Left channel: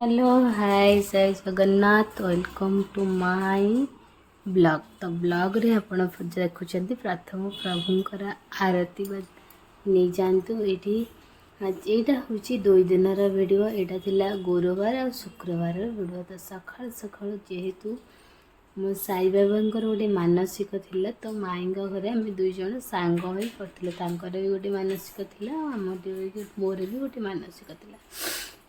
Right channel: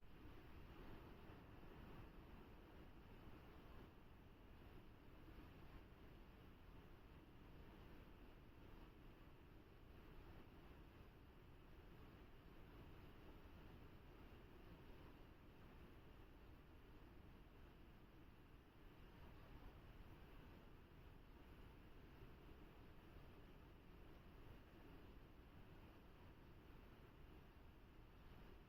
Hello hi Jai Jagannath welcome to my blog. तो blog रे आपण देखुଛନ୍ତି प्रथम प्रभुंकर आरती नहीं जातु ये यहाँ हूँ 2 दिनर वीडियो। यहाँ थिला गुरुवार और शुक्रवार वीडियो। तो सकाल सकाल जेहेतु मो साई बाबा गोटे मानसिक थिला तो माई घरे आम 2 जन सांग होई करथिले। भी गोटे मानसिक थिला आम मोर भी गोटे मानसिक थिला।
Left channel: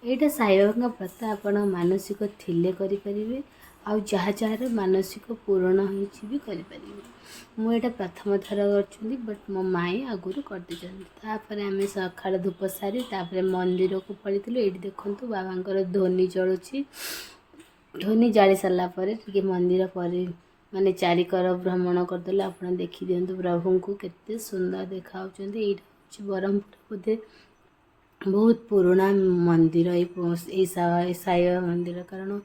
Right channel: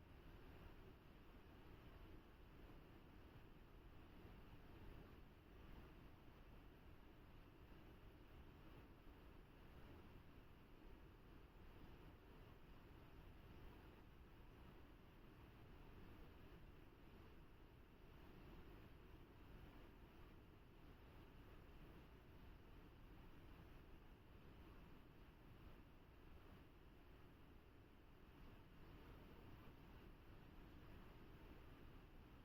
यहाँ साई बाबा व्रत आपण मानसिक थिले करें आउ जहाँ जहाँ मानसिक पूरण भी करें। मुझे प्रथम थर कर बट मो माई आगुरी कर आम सका धूप सारी मंदिर को पड़ू। ये देखूँ बाबा ध्वनि जलुची। ध्वनि जाली सारापर टे मंदिर पर माने चारिकर भ्रमण करदे आप देखी दिंतु प्रभु को केते सुंदर देखा। यहाँ ब्रह्मपुर बोधे बहुत पुराना मंदिर ये साई मंदिर कारण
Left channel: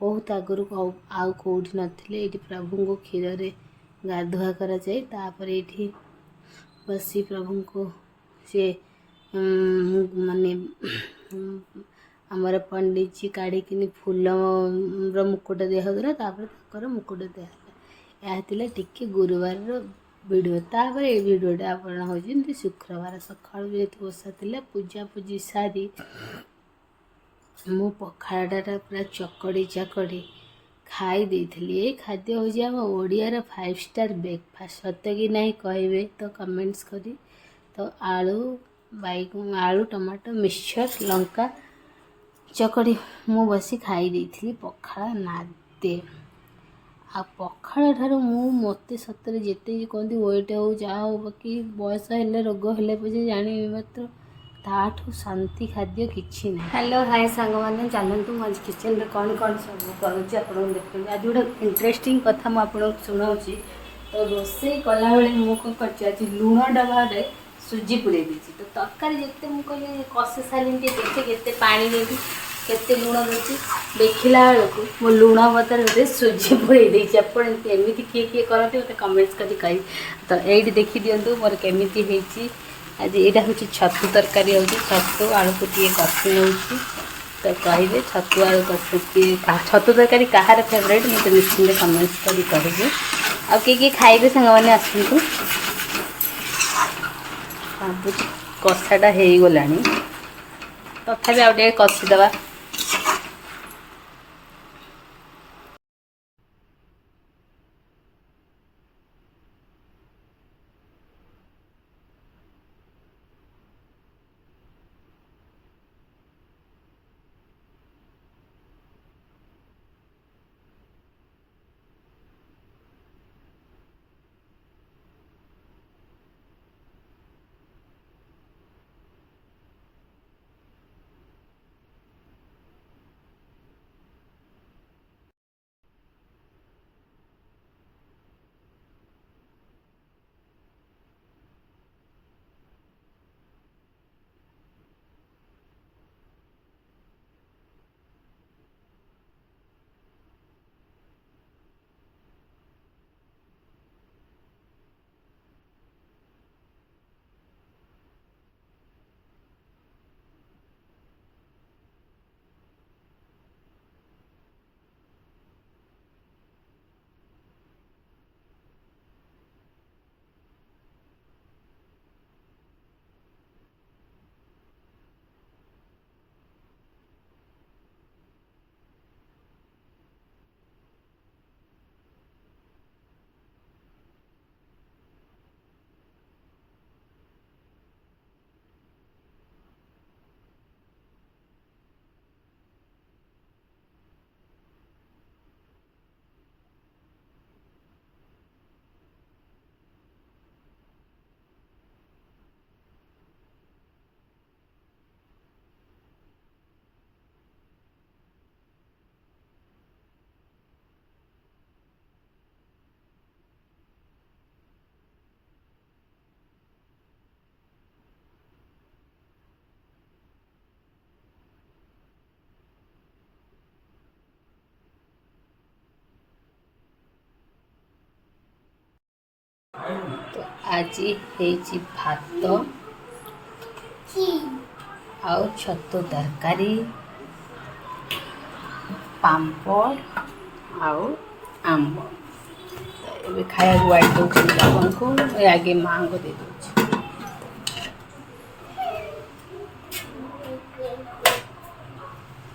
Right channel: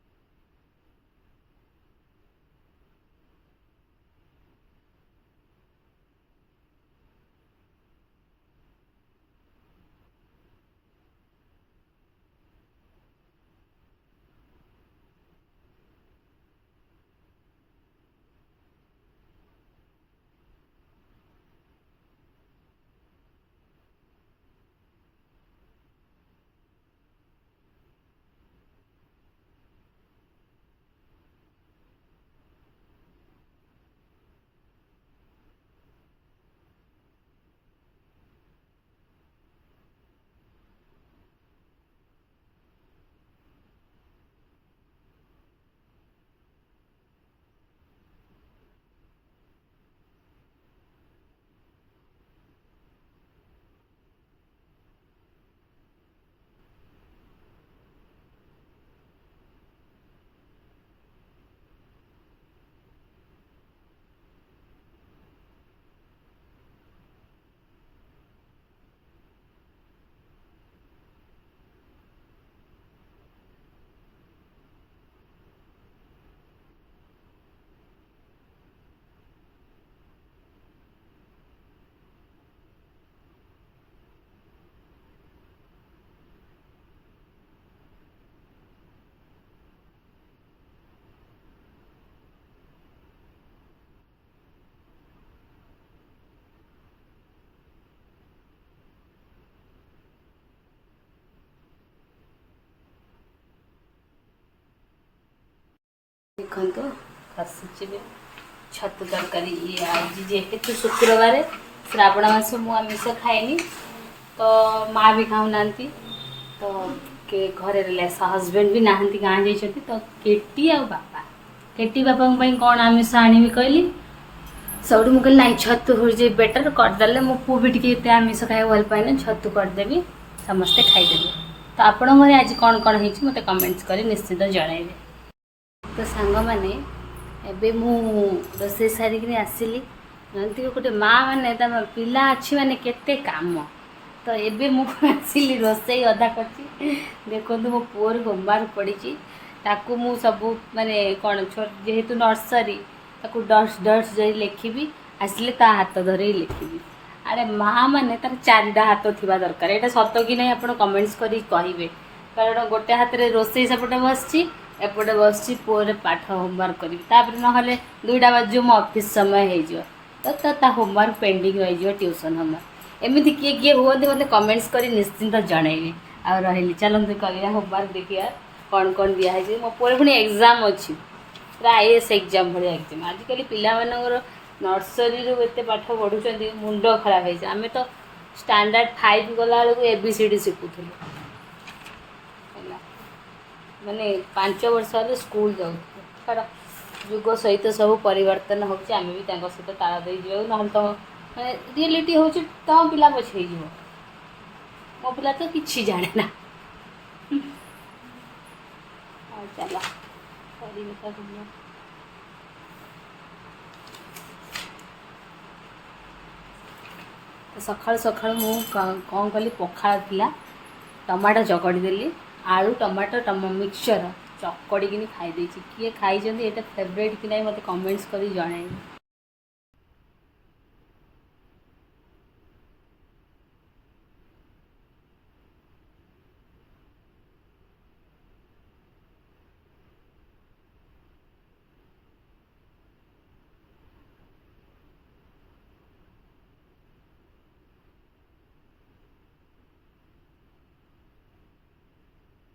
बहुत आगुरी आउ कौटी नथिले। ये प्रभु को क्षीर रे गाधुआ कराए ये बसी प्रभु को सी माने आमर पंडित जी काढ़ी फूल मुकुट दिहर मुकुट दिहला टिके गुरुवार वीडियो। तापर ये वीडियोटा आप होती शुक्रवार सका जेहतु ओषा पूजा पूजी सारी मु पखाड़ाटा पूरा चकड़ी चाकड़ी खाई देथली। ये खाद्य हूँ आम ओडियार 5 स्टार ब्रेकफास्ट सत्य कि नहीं कहे तो कमेंट्स करी। तो आलू बैगन आलू टमाटो मिक्सचर लंका चकड़ी मु बसी खाई देथली पखाड़ा नादे। आ पखाड़ ठार मत सतरे जिते कहते वेट हो जा हो बाकी बयस हेले रोग हेले पचे जानी मात्र ताठू शांति खाद्य किसी ना। हेलो हाय सांग मैंने चलतु आज किचन में कौन कौन सब करुँच आप देखते। आज गोटे इंटरेस्टिंग कथा मुझे शुणाऊँगी। तो रोसे कला बेले मुझे आज लुण डबारे सुजी पुरे देती। तो तरकारी जिते मुझे कषि सारे देखे पानी देती केते लुण देती देखला बेलू मो लुण बदल में सुजी पुरे देती। एमती किए किए करते मत कमेंट्स कर कही। तो ये देखी दिंतु मोर केमी आज यहाँ हूँ छतु तरकारी हो छतु आलू को टे कषि नौ। तो कहे छतु आलू कषि छतु तरकारी कहार फेवरेट मत निश्चिंत कमेंट्स कर कहे। आ किए खाइबे सांग मैंने आसतु भावुँ कषाटा हो गला तथापि आउ कषिदे देखो कषि छतु तरकारी। ये आज जेहेतु शुक्रवार श्रावण मास मु आमिष खाएनी तो माँ भी खाऊना। तो के घरे हजबैंड भी नहांती गाँ जाइछथि। तो केटी आ बापा केटी बापा कौन आमिष आनी कहली सब मुझे ना छतु हो बेटर करदे मो पु भी टे आमिष खाया भल पाए छतु करदेवी समस्ते खाईदेवे। तो आपण घर आज कौन कौन हो मत कमेंट्स कर निश्चित जनइबे। तो सांग मैंने एबे मु रोसे सारिक आसिली जानती गोटे माँ मैंने पिला अच्छी माने केते काम। तो एबे मु आसिली रोसे अधा कर देखो मो पुअर होमवर्क पड़ी ताकू मु सबू माने कौन जेहेतु नर्सरी ताकू डस्ट डस्ट जरी लिखी आसिले ता हाथ धरे लिखी। अरे माँ मैंने तार 4टा हाथ थी दरकार यहाँ सत कि नहीं आप कमेंट्स करें कारण गोटे हाथ में रोसे सेपटे बस एपटे बस पुअर पाठ होमवर्क करी ना 2टा बाजू मो ऑफिस समय हो तो होमवर्क पेंडिंग रही ट्यूशन होमवर्क एमती किए किए हुए मत कमेंट्स कर निश्चिंत जनइबे। आ रही चलते करिया होमवर्क देखिए कौन कौन दिखाई मो पुअर पुणी एग्जाम अच्छी पूरा आईएएस एग्जाम भाई एग्जाम। आजिकल पिलाମାନଙ୍କର नर्सरी एत पाठ पढ़ुं मुंड खराब हो आम तो स्टैंडर्ड 5 गला बेलू एबीसीडी शिखुलु माने 5 वर्ष हेल्ले स्कूल जाऊँ छाड़ जुग सहित सब परिवर्तन होम भी सहित ताल दे ना तो माने रियलिटी हूँ तुम पिला पछे मो पिला तो किसी जाने ना। चल सकाल सकाल मु कौन कली पखाड़ टमाटो चकड़ी देली आलू टमाटो मिक्सचर चकड़ी खाई देछि। किए खाई ये फेवरेट कि नहीं मत कमेंट्स कर जन। तो आज है भात आउ छतु तरकारी पापड़ आउ आंब। तो ये खाया वाइट दूसरी बाबा को आगे माँ को दे दूँ।